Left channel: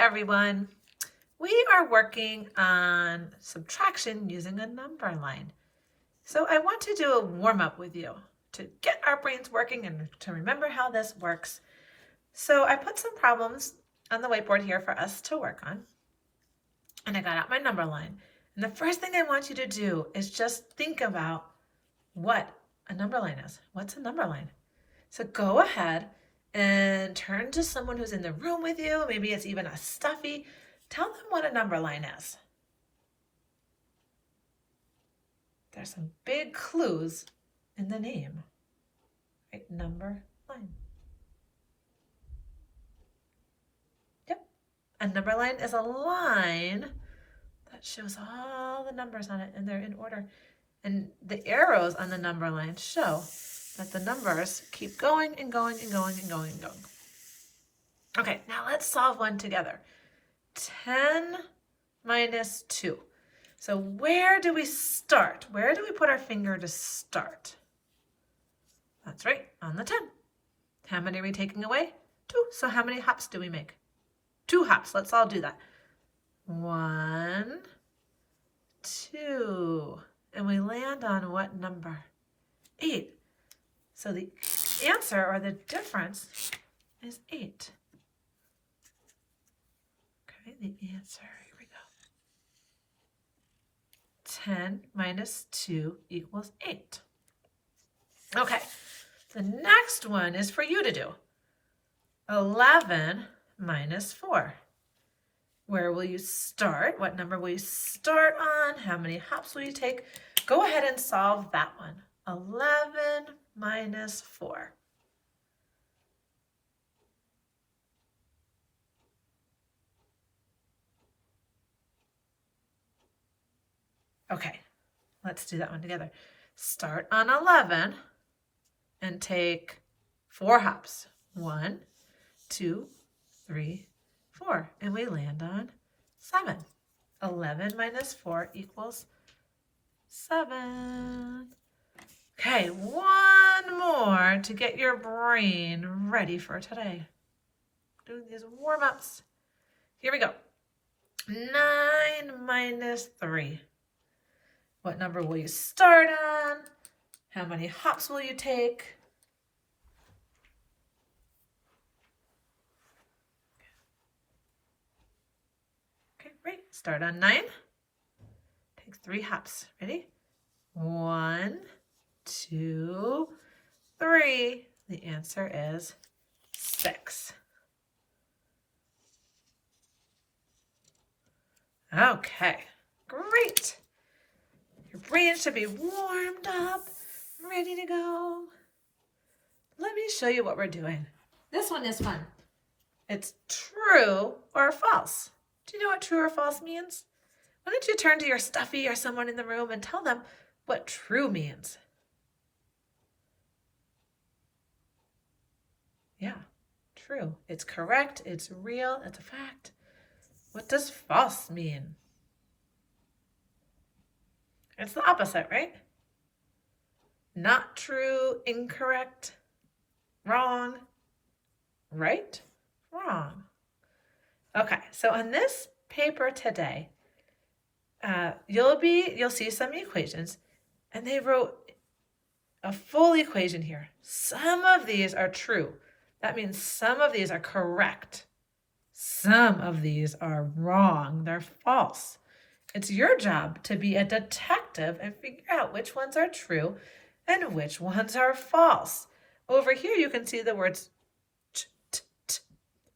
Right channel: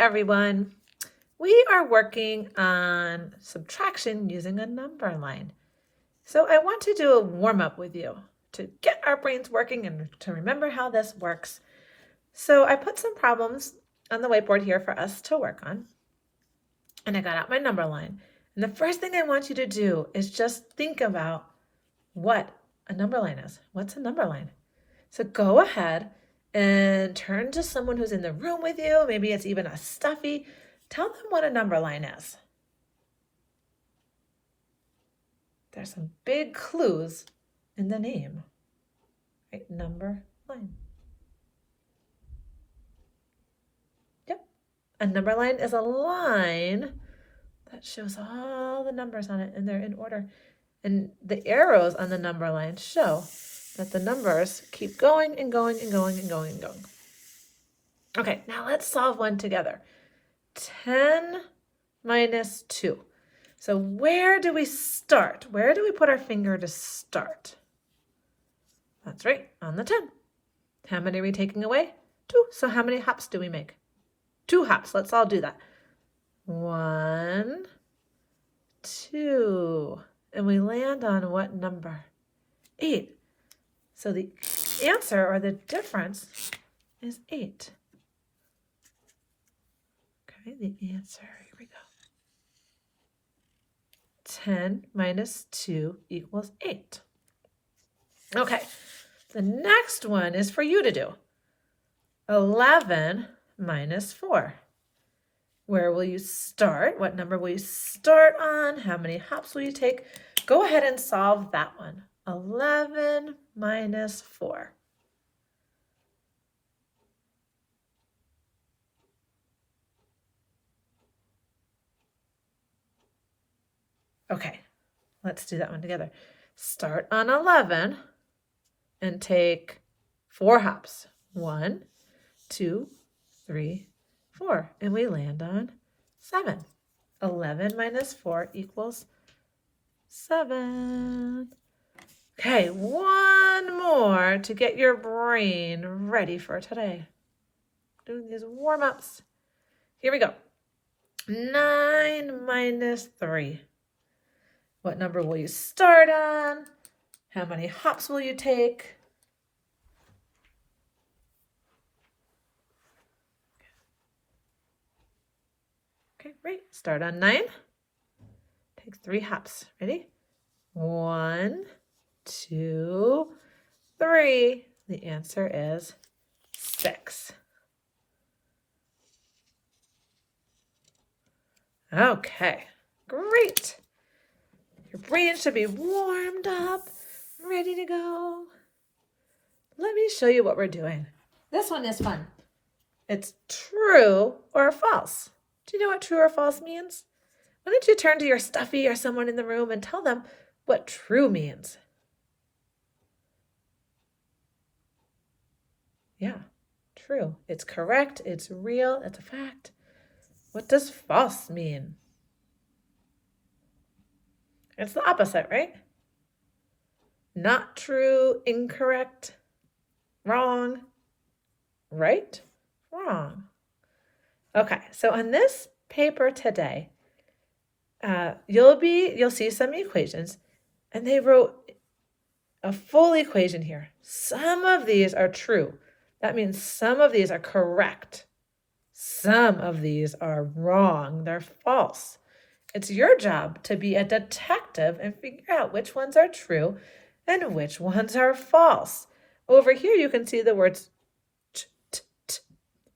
everyone. We are working on subtraction using a number line. So I want to do a warm-up with you to get our brains working and to remember how this works. So I put some problems on the whiteboard here for us to work on. And I got out my number line. And the first thing I want you to do is just think about what a number line is. What's a number line? So go ahead and turn to someone who's in the room with you. Maybe it's even a stuffy. Tell them what a number line is. There's some big clues in the name. Right? Number line. Yep. A number line is a line that shows all the numbers on it and they're in order. And the arrows on the number line show that the numbers keep going and going and going and going and going. Okay, now let's solve one together. 10 minus 2. So where do we start? Where do we put our finger to start? That's right, on the 10. How many are we taking away? 2. So how many hops do we make? 2 hops. Let's all do that. 1, 2. And we land on what number? 8. So the answer, or the difference, is 8. Okay, the answer, here we go. 10 minus 2 equals 8. Okay, the next one is for you to do. 11 minus 4. Where will you start? What number will you start on? How many hops will you take? Go ahead and solve that one. 11 minus 4. Okay, let's do that one together. Start on 11 and take 4 hops. 1, 2, 3, 4. And we land on 7. 11 minus 4 equals 7. Okay, one more to get your brain ready for today. Doing these warm-ups. Here we go. 9 minus 3. What number will you start on? How many hops will you take? Okay, great. Start on 9. Take 3 hops. Ready? 1, 2, 3. The answer is 6. Okay, great. Your brain should be warmed up, ready to go. Let me show you what we're doing. This one is fun. It's true or false. Do you know what true or false means? Why don't you turn to your stuffy or someone in the room and tell them what true means? Yeah, true. It's correct, it's real, it's a fact. What does false mean? It's the opposite, right? Not true, incorrect, wrong, right, wrong. Okay, so on this paper today, you'll see some equations, and they wrote a full equation here. Some of these are true. That means some of these are correct. Some of these are wrong. They're false. It's your job to be a detective and figure out which ones are true and which ones are false. Over here, you can see the words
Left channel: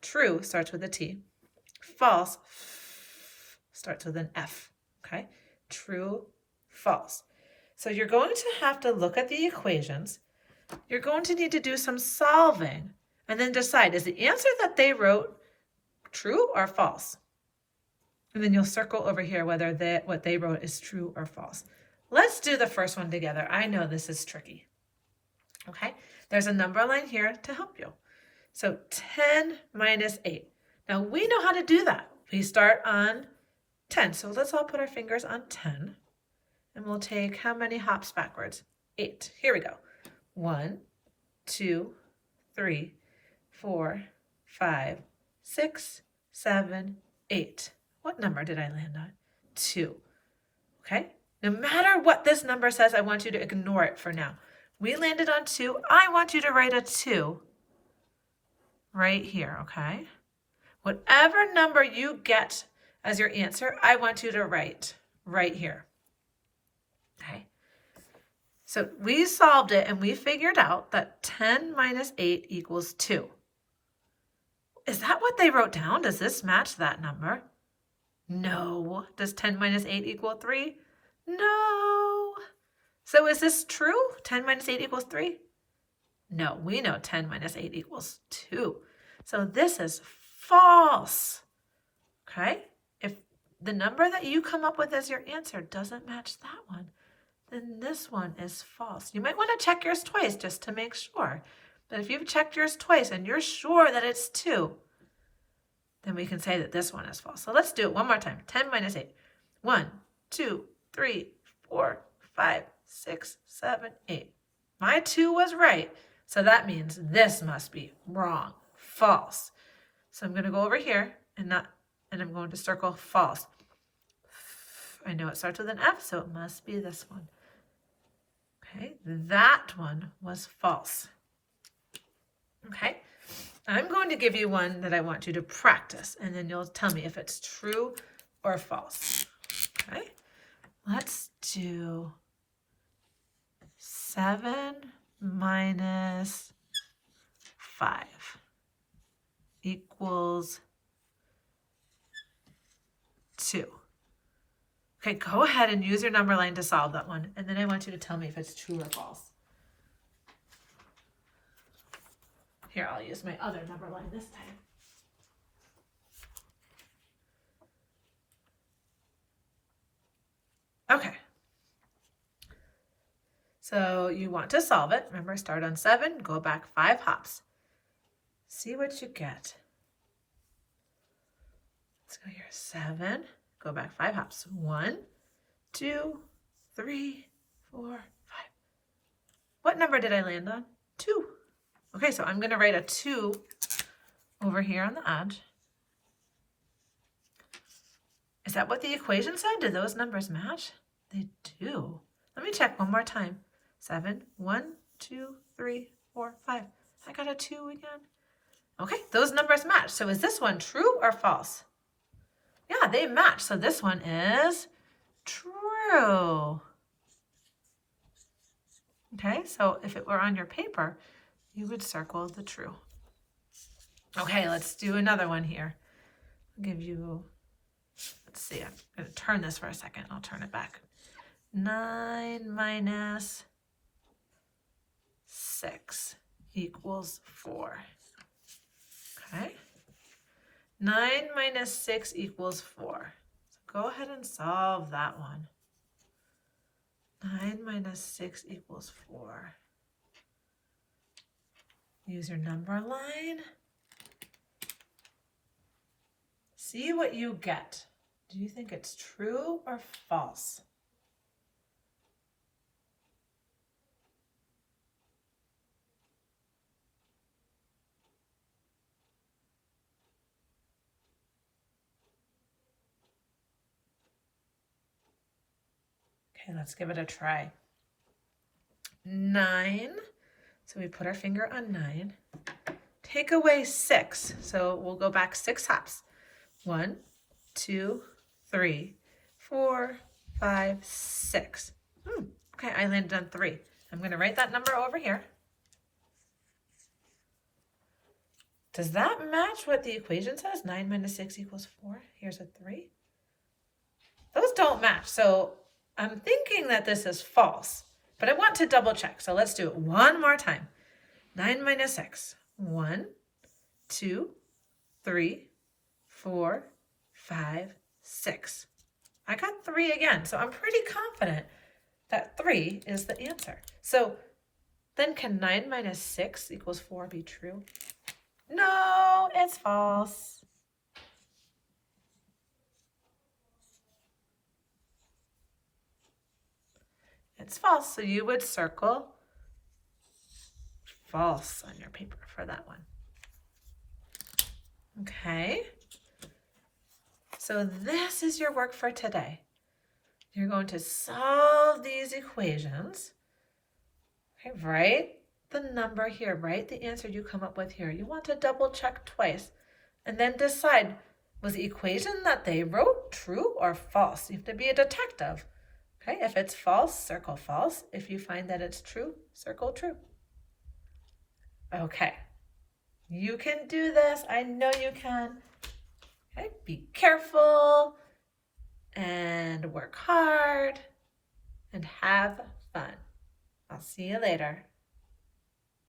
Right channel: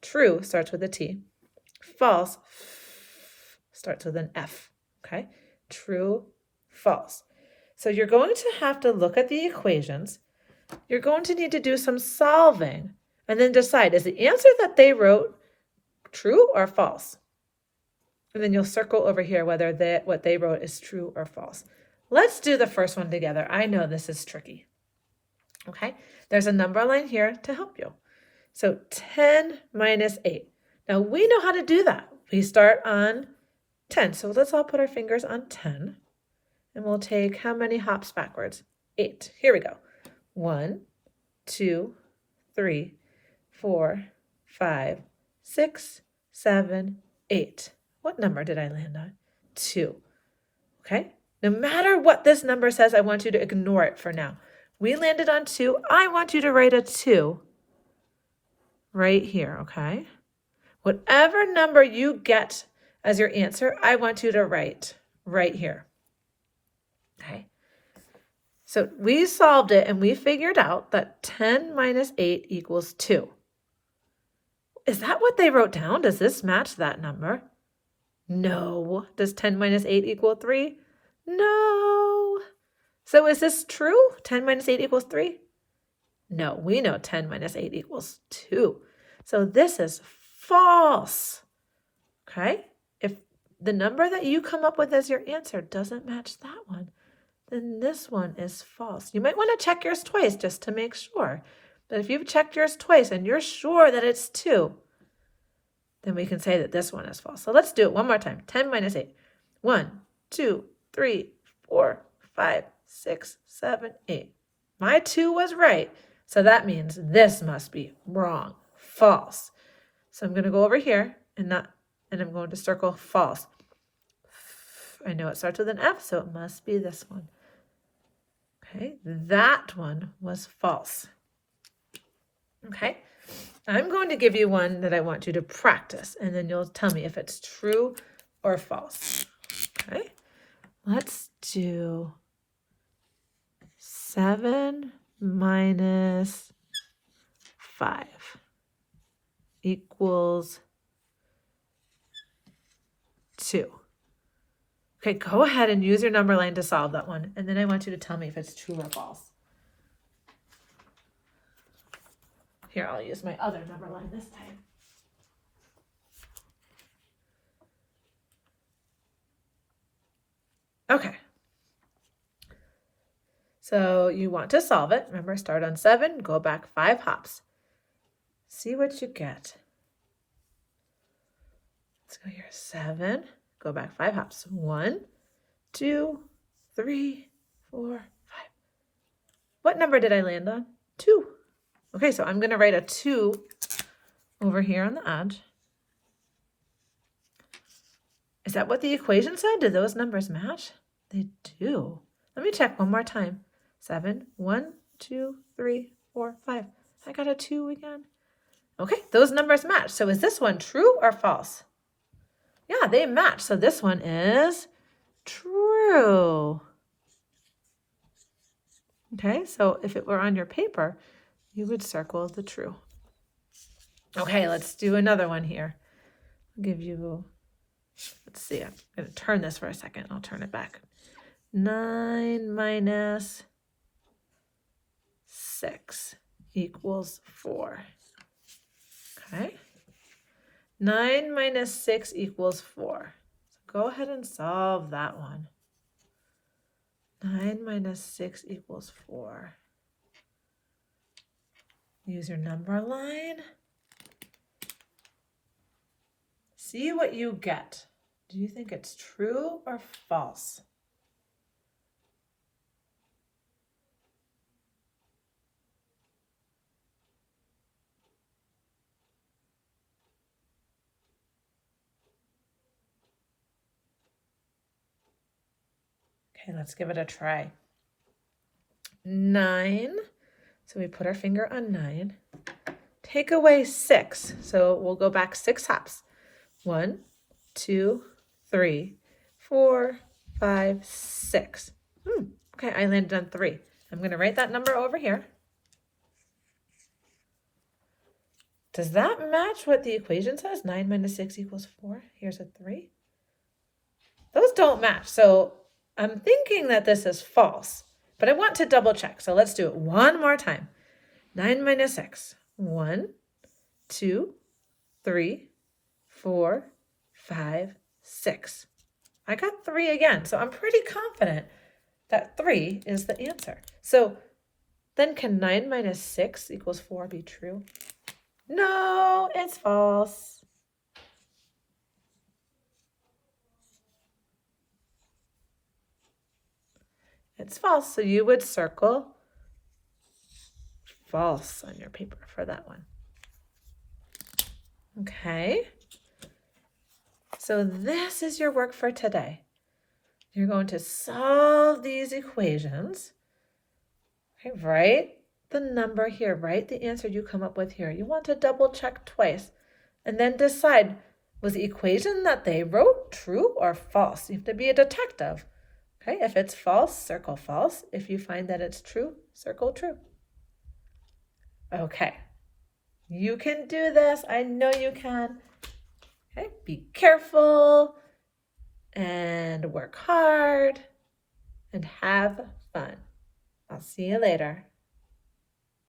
true starts with a T. False starts with an F. Okay? True, false. So you're going to have to look at the equations. You're going to need to do some solving and then decide, is the answer that they wrote true or false? And then you'll circle over here whether what they wrote is true or false. Let's do the first one together. I know this is tricky. Okay, there's a number line here to help you. So 10 minus 8. Now we know how to do that. We start on 10. So let's all put our fingers on 10. And we'll take how many hops backwards? 8. Here we go. 1, 2, 3, 4, 5, 6, 7, 8. What number did I land on? 2. Okay? No matter what this number says, I want you to ignore it for now. We landed on 2. I want you to write a 2 right here, okay? Whatever number you get as your answer, I want you to write right here. Okay? So we solved it and we figured out that 10 minus 8 equals 2. Is that what they wrote down? Does this match that number? No. Does 10 minus 8 equal 3? No. So is this true? 10 minus 8 equals 3? No, we know 10 minus 8 equals 2. So this is false. Okay? If the number that you come up with as your answer doesn't match that one, then this one is false. You might want to check yours twice just to make sure. But if you've checked yours twice and you're sure that it's 2, then we can say that this one is false. So let's do it one more time. 10 minus 8. 1, 2, 3, 4, 5, 6, 7, 8. My 2 was right. So that means this must be wrong. False. So I'm going to go over here and I'm going to circle false. I know it starts with an F, so it must be this one. Okay, that one was false. Okay, I'm going to give you one that I want you to practice, and then you'll tell me if it's true or false. Okay, let's do 7 minus 5 equals 2. Okay, go ahead and use your number line to solve that one, and then I want you to tell me if it's true or false. Here, I'll use my other number line this time. Okay. So you want to solve it. Remember, start on 7, go back 5 hops. See what you get. Let's go here, 7. Go back 5 hops. 1, 2, 3, 4, 5. What number did I land on? 2. Okay, so I'm going to write a 2 over here on the edge. Is that what the equation said? Do those numbers match? They do. Let me check one more time. 7, 1, 2, 3, 4, 5. I got a 2 again. Okay, those numbers match. So is this one true or false? Yeah, they match. So this one is true. Okay, so if it were on your paper, you would circle the true. Okay, let's do another one here. I'll give you, let's see, I'm going to turn this for a second. I'll turn it back. 9 minus 6 equals 4. Okay. 9 minus 6 equals 4. So go ahead and solve that one. 9 minus 6 equals 4. Use your number line. See what you get. Do you think it's true or false? Okay, let's give it a try. 9. So we put our finger on 9. Take away 6. So we'll go back 6 hops. 1, 2, 3, 4, 5, 6. Okay, I landed on 3. I'm going to write that number over here. Does that match what the equation says? 9 minus 6 equals 4. Here's a 3. Those don't match. So I'm thinking that this is false, but I want to double check. So let's do it one more time. 9 minus 6. 1, 2, 3, 4, 5, 6. I got 3 again, so I'm pretty confident that 3 is the answer. So then can 9 minus 6 equals 4 be true? No, it's false. It's false, so you would circle false on your paper for that one. Okay, So this is your work for today. You're going to solve these equations. Okay, write the number here, write the answer you come up with here. You want to double check twice and then decide, was the equation that they wrote true or false? You have to be a detective. Okay, if it's false, circle false. If you find that it's true, circle true. Okay, you can do this. I know you can. Okay, be careful and work hard and have fun. I'll see you later.